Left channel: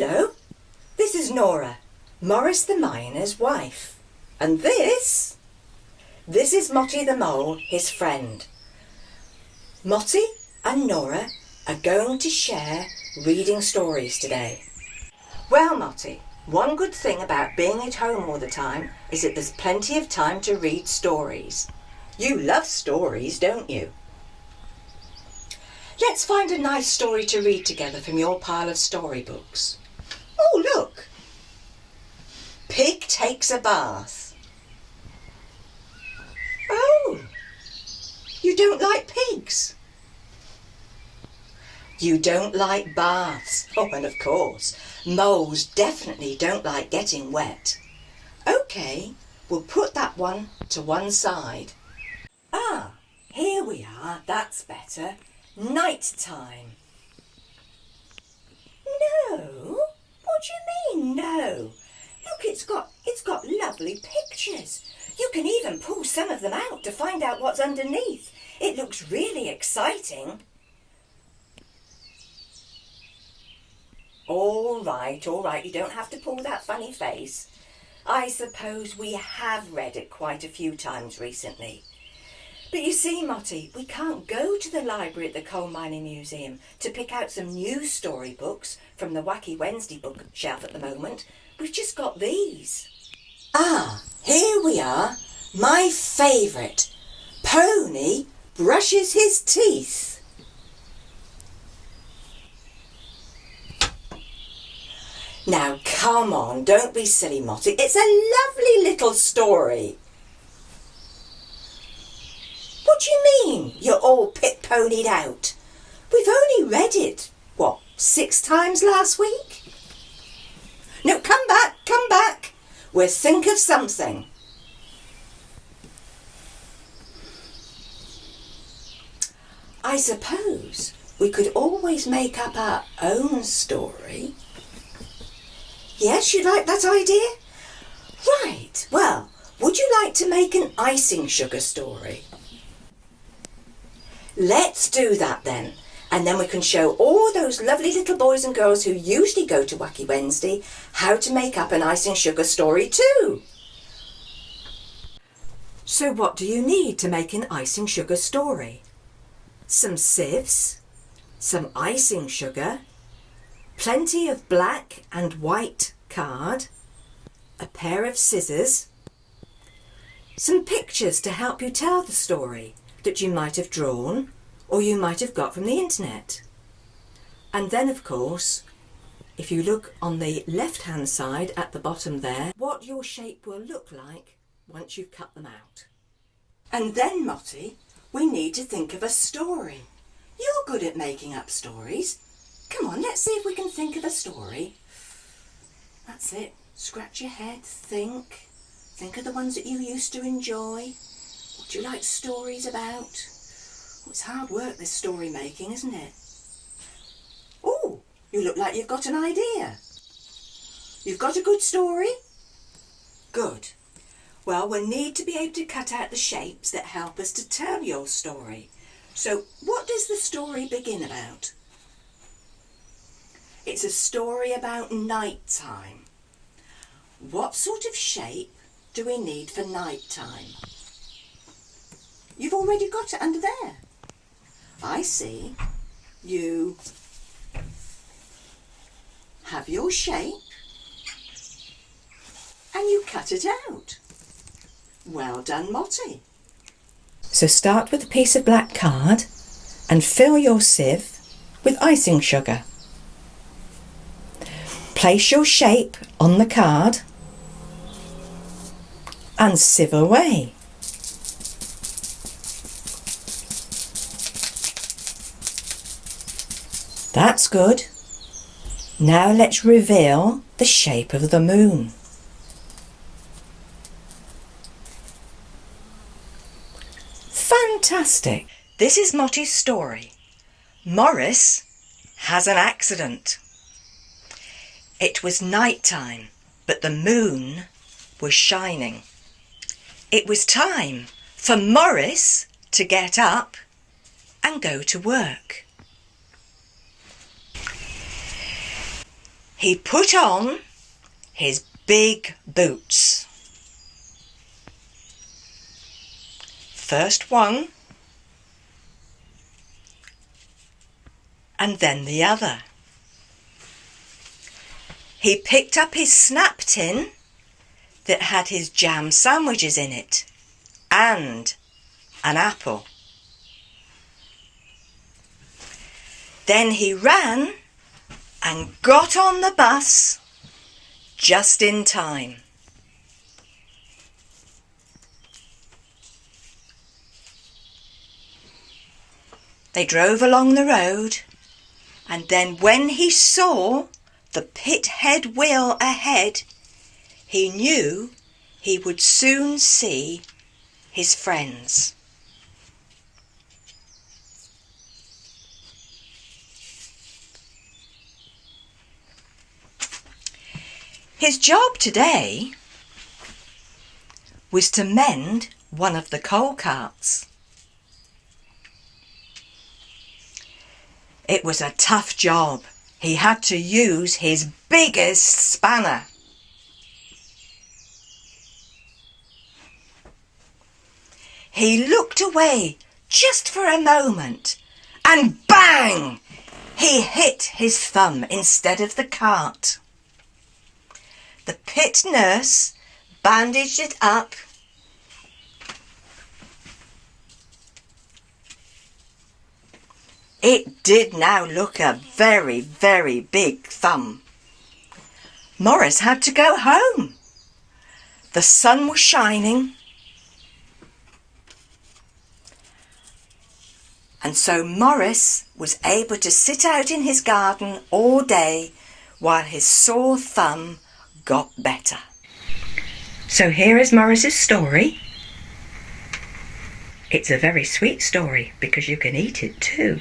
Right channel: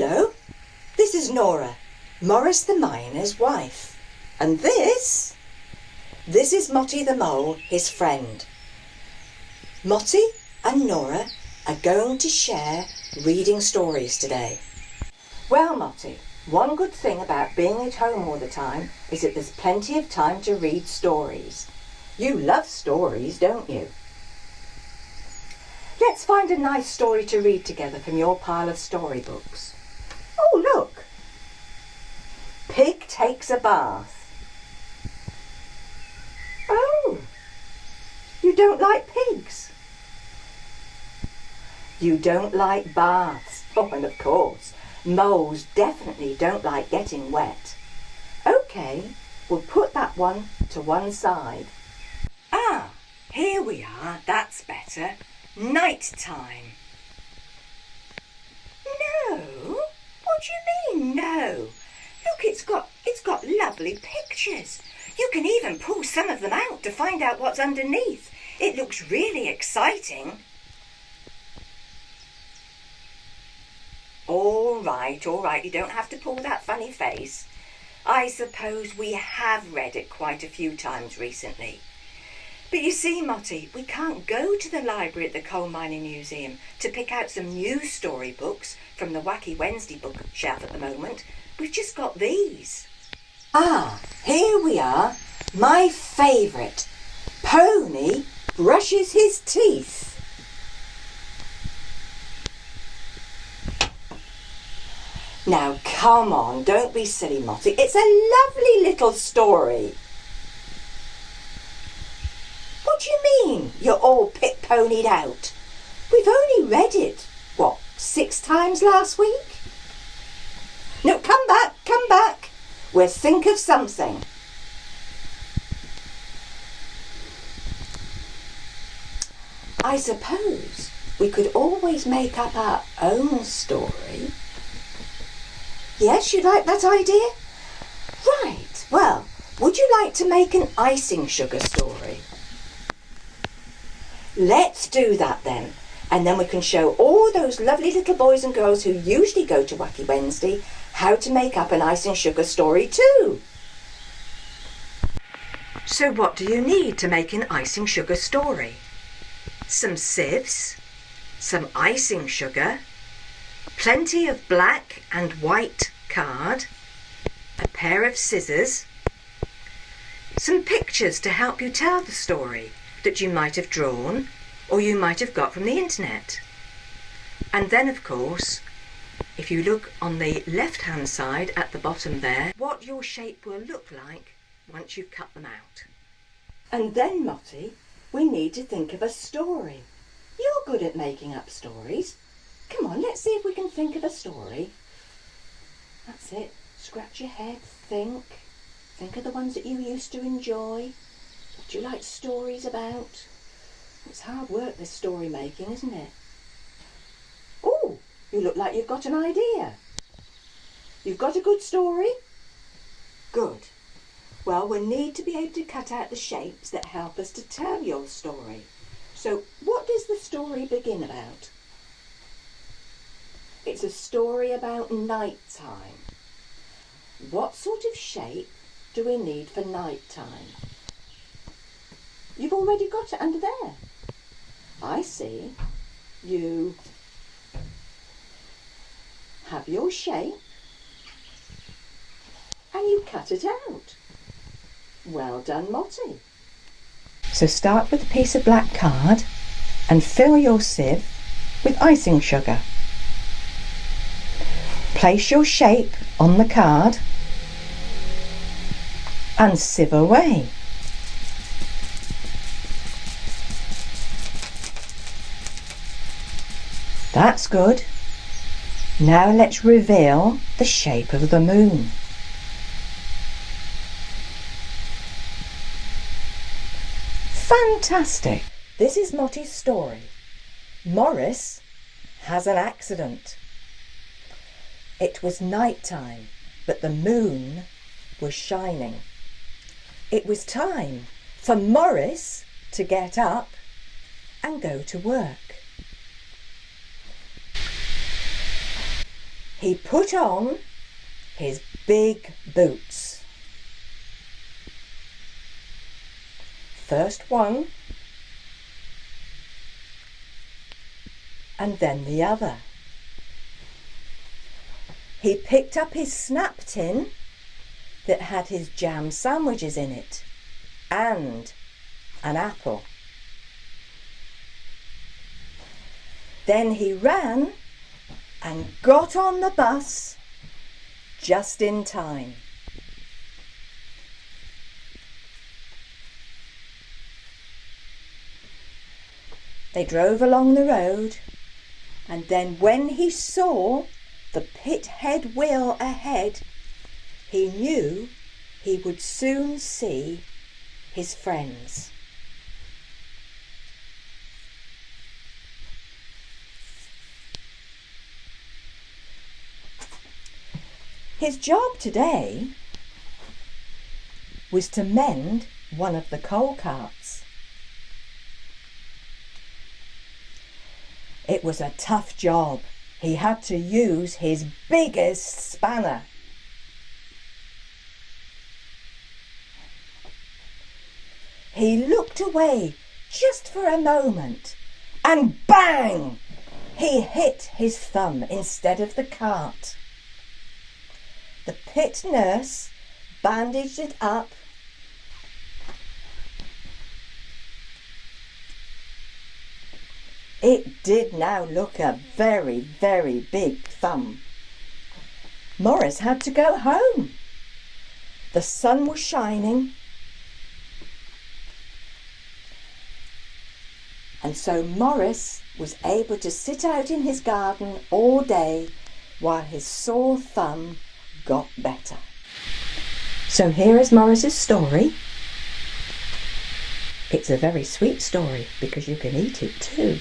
Hello, this is Nora, Maurice the Miner's wife. And this is Motty the Mole, his friend. Motty and Nora are going to share reading stories today. Well, Motty, one good thing about being at home all the time is that there's plenty of time to read stories. You love stories, don't you? Let's find a nice story to read together from your pile of storybooks. Oh, look! Pig takes a bath. Oh, you don't like pigs? You don't like baths. Oh, and of course, moles definitely don't like getting wet. OK, we'll put that one to one side. Ah, here we are, that's better. Night time. No? What do you mean, no? Look, it's got lovely pictures. You can even pull some of them out to find out what's underneath. It looks really exciting. All right, you don't have to pull that funny face. I suppose we have read it quite a few times recently. But you see, Motty, we can't go to the library at the Coal Mining Museum to pick out some new storybooks from the Wacky Wednesday bookshelf at the moment. We've just got these. Ah, here we are. My favourite. Pony brushes his teeth. Now, come on, don't be silly, Motty. It's a lovely little story. What do you mean, you're all pit-ponied out? We've only read it, 6 times last week? No, come back. We'll think of something. I suppose we could always make up our own story. Yes, you'd like that idea? Right, well, would you like to make an icing sugar story? Let's do that then, and then we can show all those lovely little boys and girls who usually go to Wacky Wednesday how to make up an icing sugar story too. So what do you need to make an icing sugar story? Some sieves, some icing sugar, plenty of black and white card, a pair of scissors, some pictures to help you tell the story that you might have drawn or you might have got from the internet. And then, of course, if you look on the left-hand side at the bottom there, what your shape will look like once you've cut them out. And then, Motty, we need to think of a story. You're good at making up stories. Come on, let's see if we can think of a story. That's it. Scratch your head, think. Think of the ones that you used to enjoy. What do you like stories about? It's hard work, this story making, isn't it? Oh, you look like you've got an idea. You've got a good story? Good. Well, we'll need to be able to cut out the shapes that help us to tell your story. So, what does the story begin about? It's a story about night time. What sort of shape do we need for night time? You've already got it under there. I see. You have your shape and you cut it out. Well done, Motty. So start with a piece of black card and fill your sieve with icing sugar. Place your shape on the card and sieve away. That's good. Now let's reveal the shape of the moon. Fantastic! This is Motty's story. Maurice has an accident. It was night time, but the moon was shining. It was time for Maurice to get up and go to work. He put on his big boots. First one, and then the other. He picked up his snap tin that had his jam sandwiches in it and an apple. Then he ran and got on the bus just in time. They drove along the road, and then when he saw the pit head wheel ahead, he knew he would soon see his friends. His job today was to mend one of the coal carts. It was a tough job. He had to use his biggest spanner. He looked away just for a moment and bang! He hit his thumb instead of the cart. The pit nurse bandaged it up. It did now look a very, very big thumb. Maurice had to go home. The sun was shining, and so Maurice was able to sit out in his garden all day while his sore thumb got better. So here is Maurice's story. It's a very sweet story because you can eat it too.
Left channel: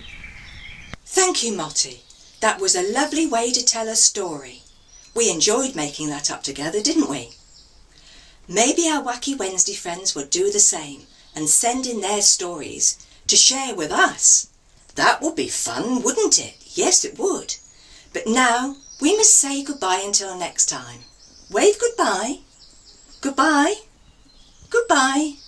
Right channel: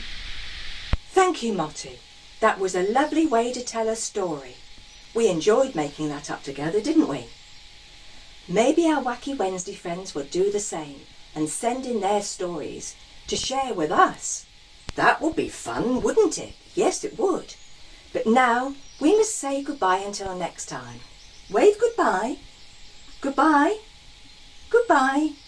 Thank you, Motty. That was a lovely way to tell a story. We enjoyed making that up together, didn't we? Maybe our Wacky Wednesday friends would do the same and send in their stories to share with us. That would be fun, wouldn't it? Yes, it would. But now we must say goodbye until next time. Wave goodbye. Goodbye. Goodbye.